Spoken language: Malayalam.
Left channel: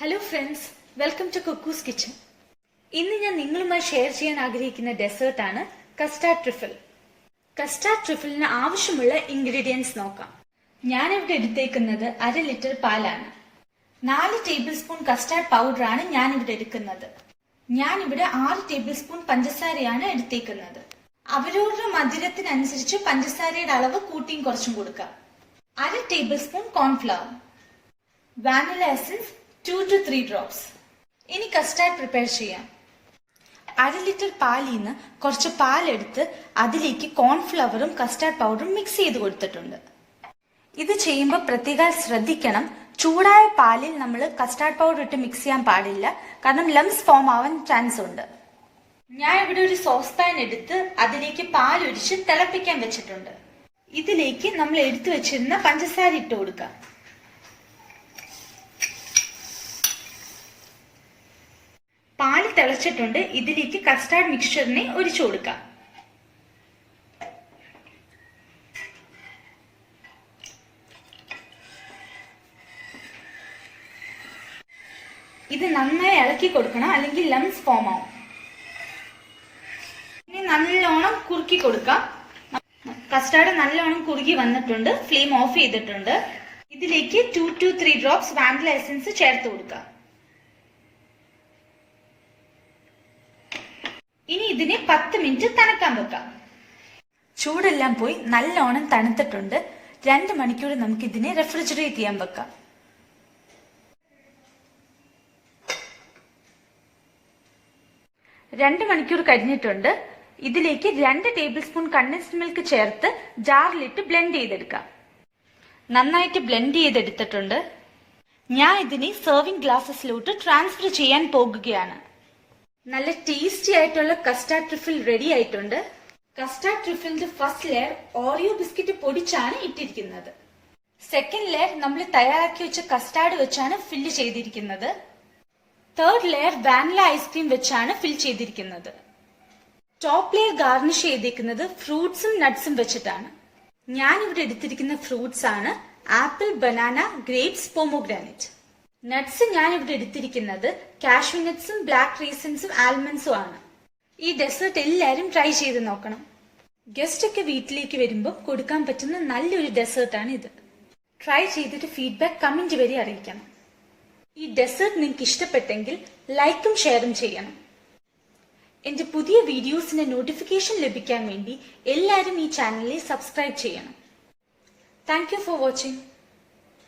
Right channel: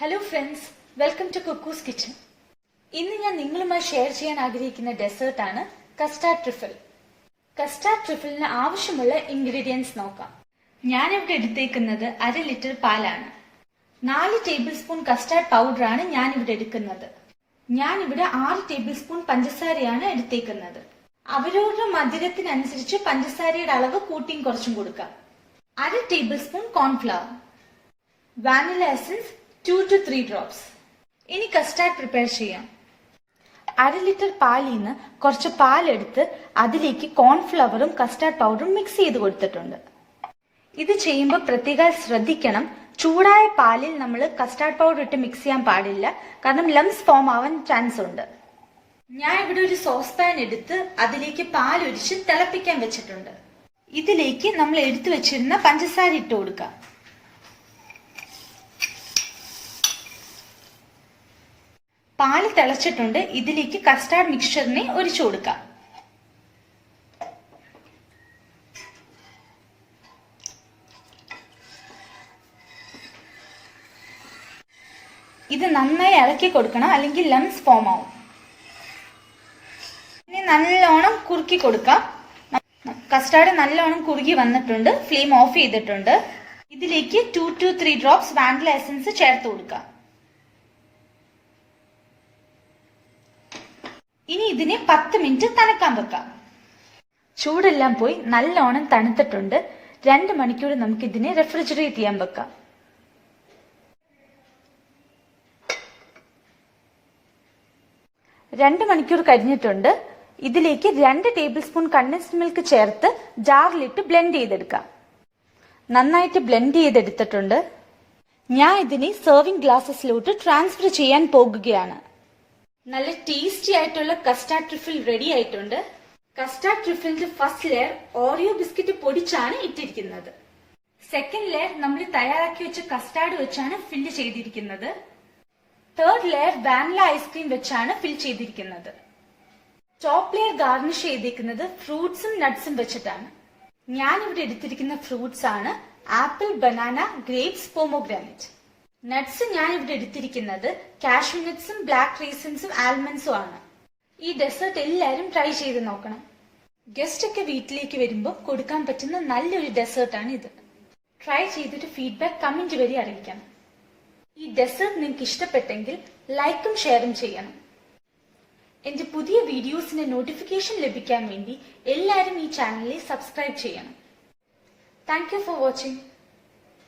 Hello friends, welcome to Cuckoo's kitchen. ഇന്ന് ഞാൻ നിങ്ങളുമായി ഷെയർ ചെയ്യാൻ ആഗ്രഹിക്കുന്ന ഡെസേർട്ടാണ് കസ്റ്റാർഡ് ട്രിഫിൾ. കസ്റ്റാർഡ് ട്രിഫിളിന് ആവശ്യമുള്ള ഇൻഗ്രീഡിയൻസ് നോക്കാം. ഞാനിവിടെ എടുത്തേക്കുന്നത് 1/2 ലിറ്റർ പാലാണ്. 4 ടേബിൾ സ്പൂൺ കസ്റ്റാർഡ് പൗഡറാണ് ഞാനിവിടെ എടുക്കുന്നത്. ഞാനിവിടെ 6 ടേബിൾ സ്പൂൺ പഞ്ചസാരയാണ് എടുത്തേക്കുന്നത്. അവരവരുടെ മധുരത്തിനനുസരിച്ച് പഞ്ചസാരയുടെ അളവ് കൂട്ടിയും കുറച്ചും കൊടുക്കാം. 1/2 table spoon cornflour, vanilla essence 2 to 3 drops. ഇനി കസ്റ്റാർഡ് പ്രിപ്പയർ ചെയ്യാം. 1/2 ലിറ്റർ പാലിൽ നിന്ന് കുറച്ച് പാലെടുത്ത് അതിലേക്ക് കോൺഫ്ലവറും കസ്റ്റാർഡ് പൗഡറും മിക്സ് ചെയ്ത് കൊടുത്തിട്ടുണ്ട്. ഇത് ചെയ്യുമ്പോൾ പ്രത്യേകം ശ്രദ്ധിക്കണം, ചൂടായ പാലിൽ നമ്മൾ കസ്റ്റാർഡ് പൗഡർ ഇട്ട് മിക്സ് ചെയ്യാൻ പാടില്ല, കാരണം ലംസ് ഫോം ആവാൻ ചാൻസ് ഉണ്ട്. ഞാൻ ഇവിടെ ഒരു സോസ് പാൻ എടുത്ത് അതിലേക്ക് പാലൊഴിച്ച് തിളപ്പിക്കാൻ വെച്ചിട്ടുണ്ട്. ഇതിലേക്ക് നമ്മൾ എടുത്തു വെച്ചിരുന്ന പഞ്ചസാര ഇട്ട് കൊടുക്കാം. പാല് തിളച്ചിട്ടുണ്ട്. ഇതിലേക്ക് കസ്റ്റാർഡ് മിക്സ്ചറിനെ ഒഴിച്ചു കൊടുക്കാം. ഇത് നന്നായി ഇളക്കി കൊടുക്കണം, അല്ലെങ്കിൽ ലംസ് ഫോം ആവും. ഇനി നല്ലോണം കുറുക്കി കൊടുക്കാം. കസ്റ്റാർഡ് നല്ലോണം കുറുകി വന്നിട്ടുണ്ട്. ഫ്ലെയിം ഓഫ് ചെയ്തിട്ടുണ്ട്. ഇതിലേക്ക് 2 to 3 drops വാനില എസൻസ് ചേർത്ത് കൊടുക്കാം. ഇനി ഇതിനെ 10 മിനിറ്റ് തണുക്കാൻ വെക്കാം. ചൂടെല്ലാം പോയി നല്ലോണം തണുത്തിട്ടുണ്ട്. 2 മണിക്കൂർ നമുക്ക് ഇതിനെ റെഫ്രിജറേറ്റ് ചെയ്യാൻ വെക്കാം. രണ്ട് മണിക്കൂർ കഴിഞ്ഞിട്ടുണ്ട്. ഇതിലേക്ക് 2 ടേബിൾ സ്പൂൺ കണ്ടൻസ്ഡ് മിൽക്ക് ചേർത്ത് ജാറിലിട്ട് ബ്ലെൻഡ് ചെയ്തെടുക്കാം. നന്നായിട്ട് ബ്ലെൻഡ് ചെയ്തെടുത്തിട്ടുണ്ട്. ഞാൻ ഇതിനെ സെർവിംഗ് ഗ്ലാസസിലോട്ട് ട്രാൻസ്ഫർ ചെയ്യാൻ പോകുകയാണ്. നല്ല ടേസ്റ്റി ആയിട്ടുള്ള കസ്റ്റാർഡ് ട്രിഫിൾ റെഡി ആയിട്ടുണ്ട്. കസ്റ്റാർഡ് ട്രിഫിളിന്റെ ഫസ്റ്റ് ലെയർ ഓറിയോ ബിസ്ക്കറ്റ് പൊടിച്ചാണ് ഇട്ടിരിക്കുന്നത്. സെക്കൻഡ് ലെയർ നമ്മൾ തയ്യാറാക്കി വെച്ച കസ്റ്റാർഡ് വെച്ചാണ് ഫില്ല് ചെയ്തിരിക്കുന്നത്. തേർഡ് ലെയർ വാനില ഐസ്ക്രീം വെച്ചാണ് ഫിൽ ചെയ്തിരിക്കുന്നത്. ടോപ്പ് ലെയർ ഗാർണിഷ് ചെയ്തിരിക്കുന്നത് ഫ്രൂട്ട്സും നട്ട്സും വെച്ചിട്ടാണ്. ഞാൻ ഇവിടെ എടുത്തിരിക്കുന്ന ഫ്രൂട്ട്സ് ആണ് apple, banana, grapes, pomegranate. Nuts ഞാൻ ഇവിടെ എടുത്തിരിക്കുന്നത് കാഷ്യൂ നട്ട്സും ബ്ലാക്ക് റീസൻസും ആൽമണ്ട്സും ആണ്. ഈ ഡെസേർട്ട് എല്ലാവരും ട്രൈ ചെയ്ത് നോക്കണം. ഗസ്റ്റ് ഒക്കെ വീട്ടിലേക്ക് വരുമ്പോൾ കൊടുക്കാൻ പറ്റുന്ന നല്ലൊരു ഡെസേർട്ടാണ് ഇത്. ട്രൈ ചെയ്തിട്ട് ഫീഡ്ബാക്ക് കമന്റ് വഴി അറിയിക്കണം. ഈ ഡെസേർട്ട് നിങ്ങൾക്ക് ഇഷ്ടപ്പെട്ടെങ്കിൽ ലൈക്കും ഷെയറും ചെയ്യണം. എന്റെ പുതിയ വീഡിയോസിന്റെ നോട്ടിഫിക്കേഷൻ ലഭിക്കാൻ വേണ്ടി എല്ലാവരും ഈ ചാനലിൽ സബ്സ്ക്രൈബ് ചെയ്യണം. Thank you for watching.